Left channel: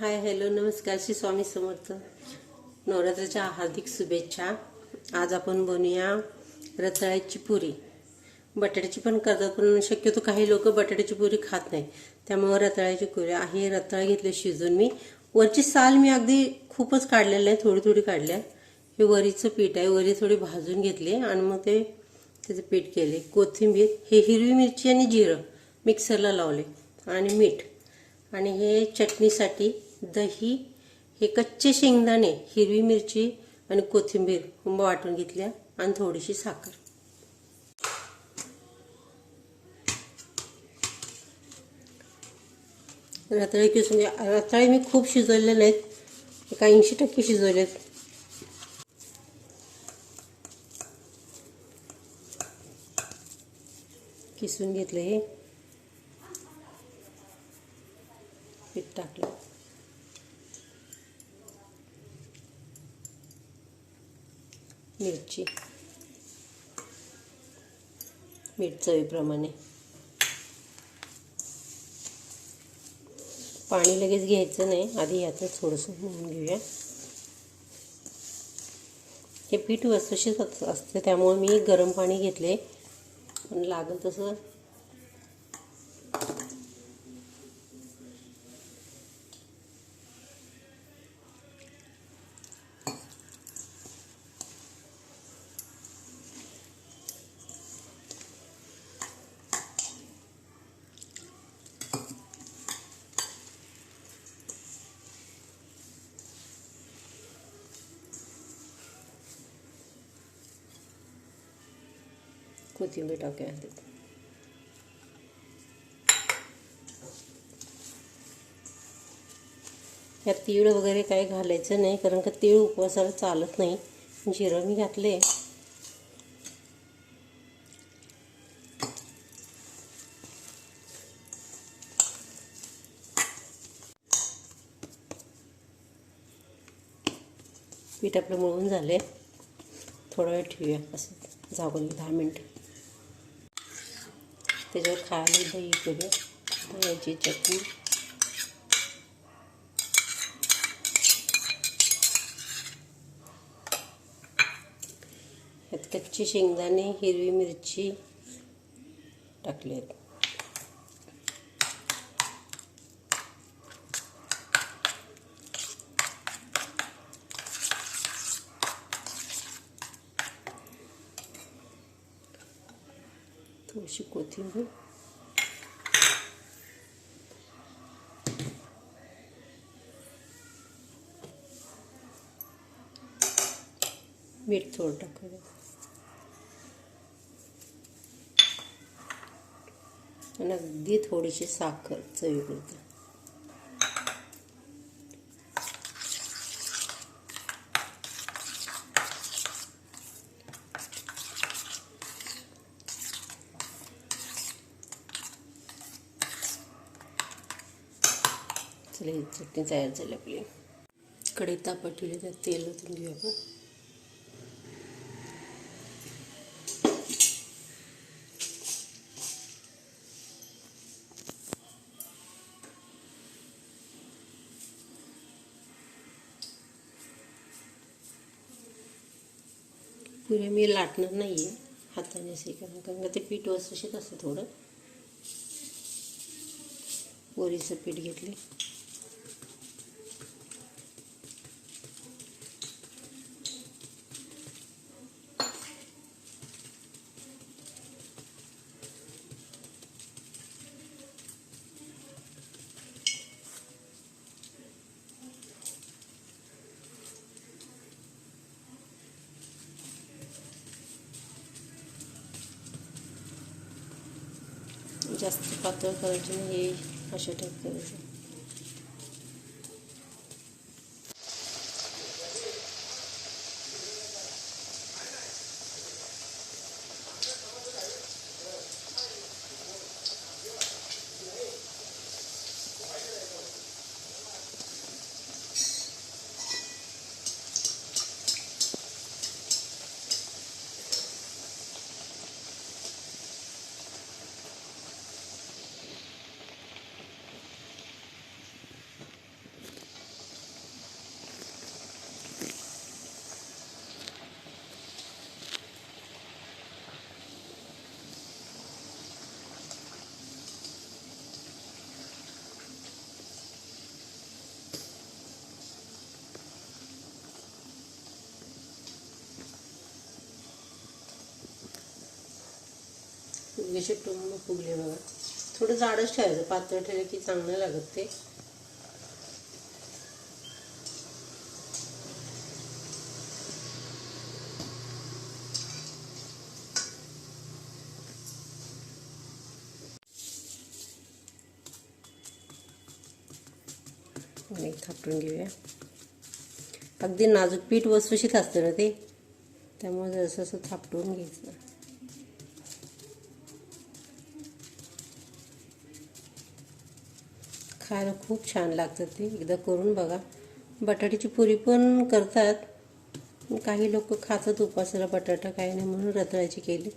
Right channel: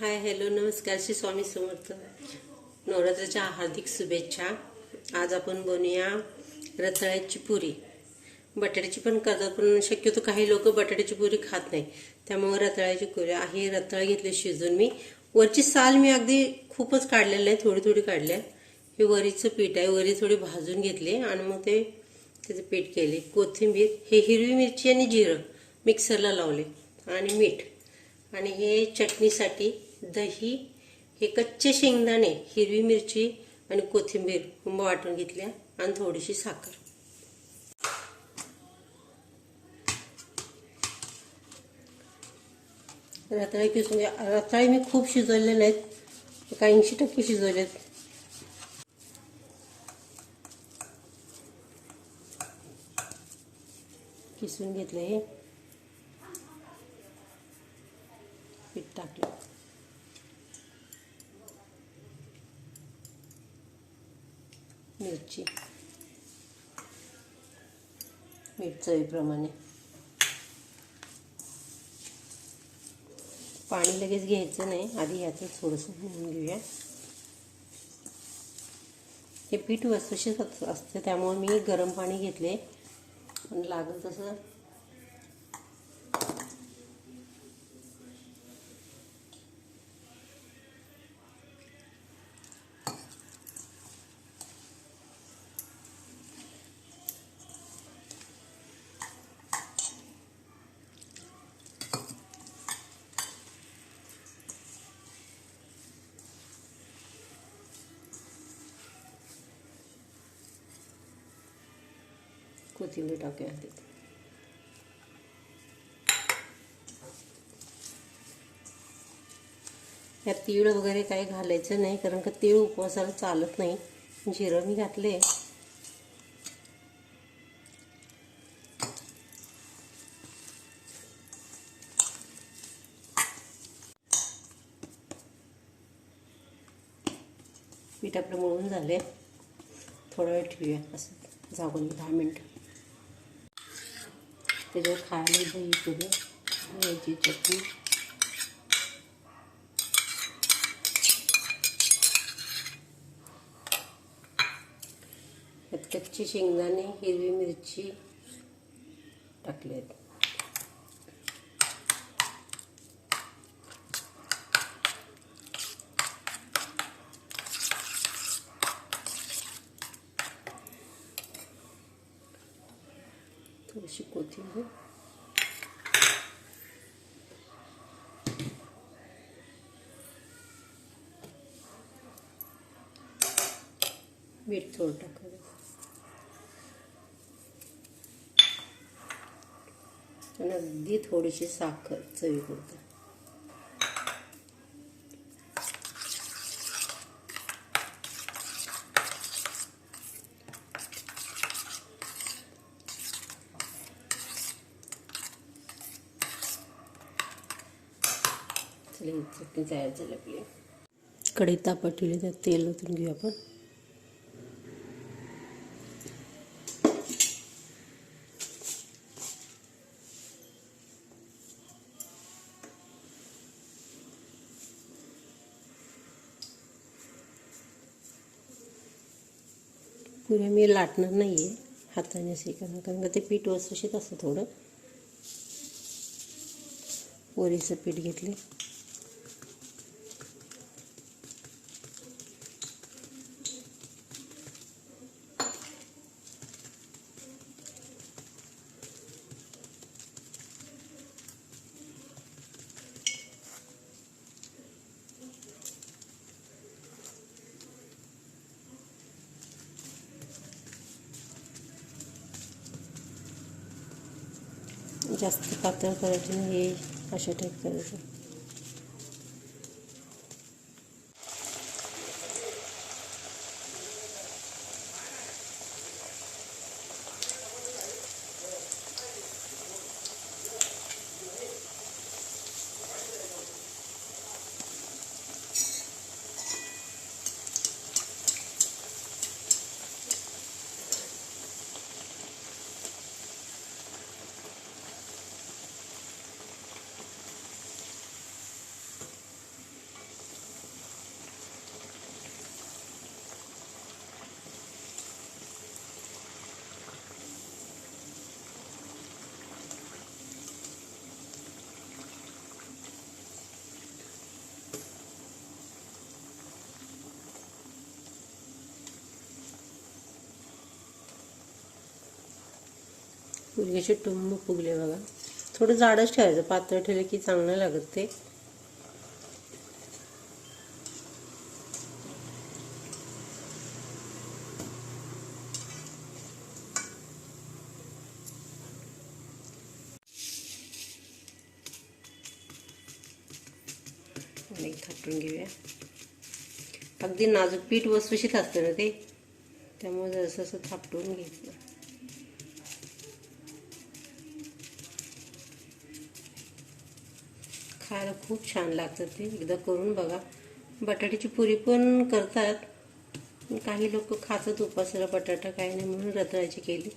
Hi hello नमस्कार श्री स्वामी समर्थ. नवरात्राच्या हार्दिक शुभेच्छा. आज आपण बनवूया रताळ्याची पुरी. बटाट्याची पण करतात पण शक्यतो काही लोक बटाट्याची पुरी खात नाही. त्यामुळे रताळ्याची पुरी आहे रताळ घेतले शिजून मी. वरची साल मी अगदी खूपच काढलेलं आहे थोडी थोडी काढली आहे. हे वरीचं पीठ आहे वरी थोडी भाजून घेतली आणि मग ते त्याचं पीठ केले. कोथिंबीर हे हिरवी मिरची आणि जिरं मिक्सरला लावले. आणि मीठ. आणि हे चटणीसाठी दही हे कच्चे शेंगदाणे हिरवी मिरची आणि कोथिंबीर कुंभ वाटून घेतल्या आणि थोडीशी साखर. रताळे किसून रताळे मी खूप शिजवले नाहीत एक ऐंशी टक्के शिजवलेत. किसून घेतलं हे. टाकलं. मिरची. मीठ चवीप्रमाणे. पाणी लगेच घ्यायचं नाही. आधी ह्याचं थोडंसं म्हणून घेऊया. हे पीठ वसुशीत असते त्यामुळे मी गरम पाणी घेतले पण लागेल तसं कोथिंबीर टाकूया आधी. यात तीळ वगैरे काही घालायचं नाही कारण का तीळ उपवासाला चालत नाही. जिरण घातले. पीठ आपलं मळून झाले थोडा वेळ ठेवूया असं झाकून दहा मिनटं. त्याच्यावर खायला दही करूया दह्याची चटणी. यात कच्चे शेंगदाणे हिरवी मिरची टाकलेत. थोडीशी कोथिंबीर. मीठ थोडं टाकावं आणि अगदी थोडीशी साखर चवीपुरती. चला ही चटणी तयार झाली आपली. कढई तापत ठेवली त्यात तेल ओतून घेऊ आपण. पुऱ्या मी लाटणार नाही आहे हाताने असे कारण कारण का ते पीठ वसुशीत असतं थोडं. पोरीचं पीठ घेतलं. जास्त पातळ करायची नाही हे अशा टाईप करायचं कशी टुंब फुगले बघा. थोडं जाडच ठेवायचं पातळ ठेवलं की चांगलं लागत ते. थापून थापटून घेऊया. अगदी नाजूक पीठ वस्तूशीत असते ना ते? त्यामुळे असं असं थापटून घ्यायचं. खायला खूप छान लागतं ते. एकदा करून बघा. बटाट्याची पुरी पण करतात. काही लोक खातात उपासाला बटाटा काय नाही म्हणून रताळ्याची केली.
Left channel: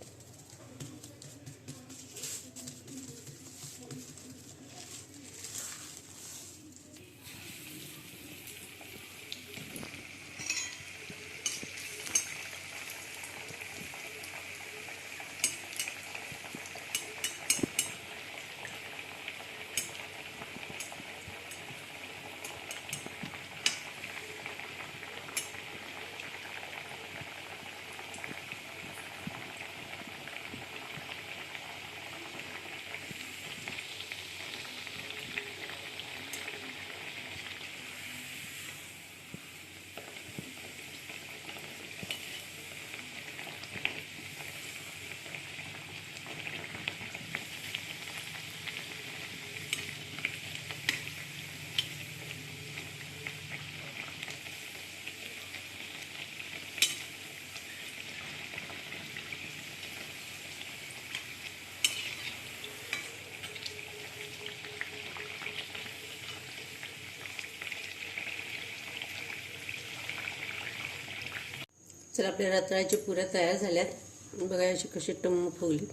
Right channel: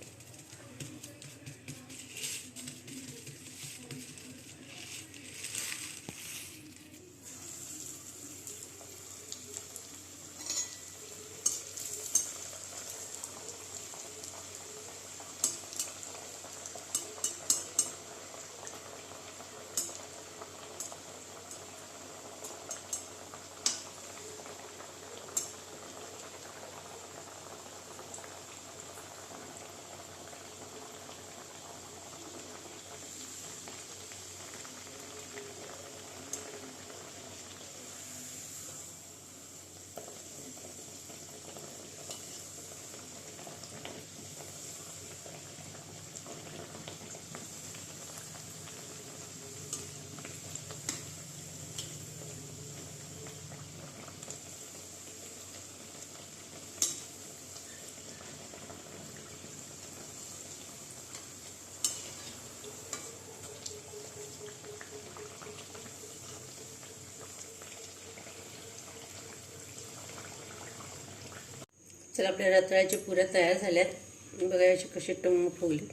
तर आपल्या रताळ्याच्या पुऱ्या तयार झाल्यात. बघा याची कशी टम्म फुगली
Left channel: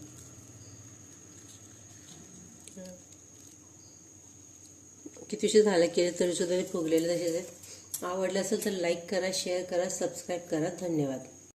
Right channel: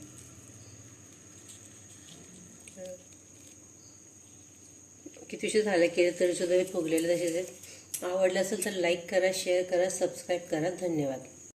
कितीशी झालं केलं तरी सुद्धा फुगलेलं फुगलेले तसेच आवडलं असेल तर लाईक करा शेअर करा सबस्क्राईब करा. धन्यवाद.